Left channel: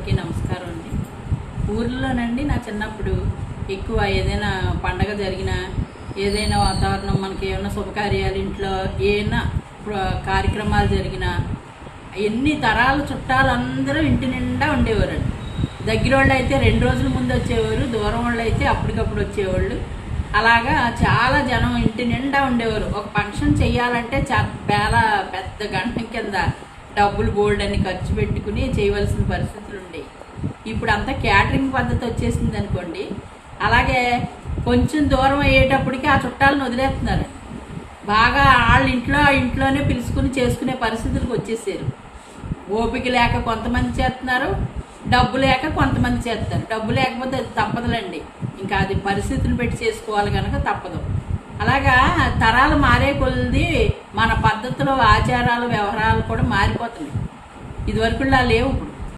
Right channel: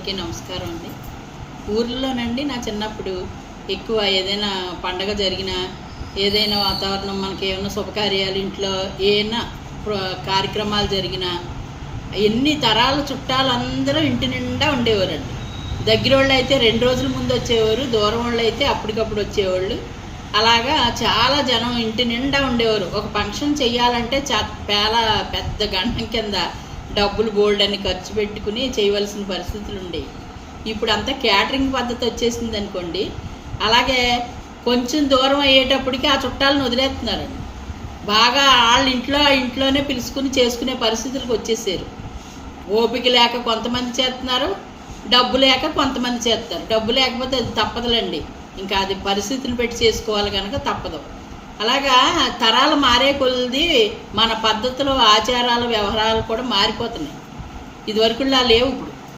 అందరికీ నమస్కారం అండి. ఊర్లోనండి నా చిన్నప్పుడు ఎక్కువ ఏదైనా పండగ జరిగినా, ఏదైనా వాతావరణం మనకి ఏమైనా శుభకార్యాలు ఇంట్లో ఏమైనా కార్యక్రమాలు జరిగినా ఎన్ని తరాల చుట్టాలు అందరూ ఇంటి నిండా ఉండేవారండి. దగ్గర వాళ్ళు అయితే 2 రోజుల ముందు వచ్చేవారు, దూరం వాళ్ళు అయితే అప్పటికప్పుడు వచ్చేవాళ్ళు. అలాగా చాలా జనం ఇంటి నిండా ఉండేవారు. ఒక ఫంక్షన్ చెయ్యాలంటే పెద్ద గంటం కింద డబ్బులు బోల్డ్ అని ఖర్చు పెట్టుకుని చేయవలసిన పరిస్థితులు ఉండేవి. ఇప్పుడు అంతా క్యాటరింగ్ పద్ధతి వచ్చేసింది అనుకోండి. అలాగే కొంచెం దూరం అయ్యేటప్పటికి ఆ చుట్టాలను వదిలేస్తున్నారు. బాగా వాళ్ళ ఇంట్లోనే పిలుచుకుని చేసుకునే పరిస్థితులకు వచ్చేసారు. ఓపిక లేక కొంతమంది చేస్తున్నారు, డబ్బు లేక కొంతమంది చేస్తారు. డబ్బు లేకపోతే అది తప్పదులండి, ఇంకా అది పరిస్థితులు పెట్టి చేసుకోవాలి కనుక తప్పదు. అలాగా తరాలు మారే కొలది మన పద్ధతులు, ఆచారాలు, వ్యవహారాలు కూడా మారిపోతున్నాయి. ఇదివరకులా లేవు ఇప్పుడు.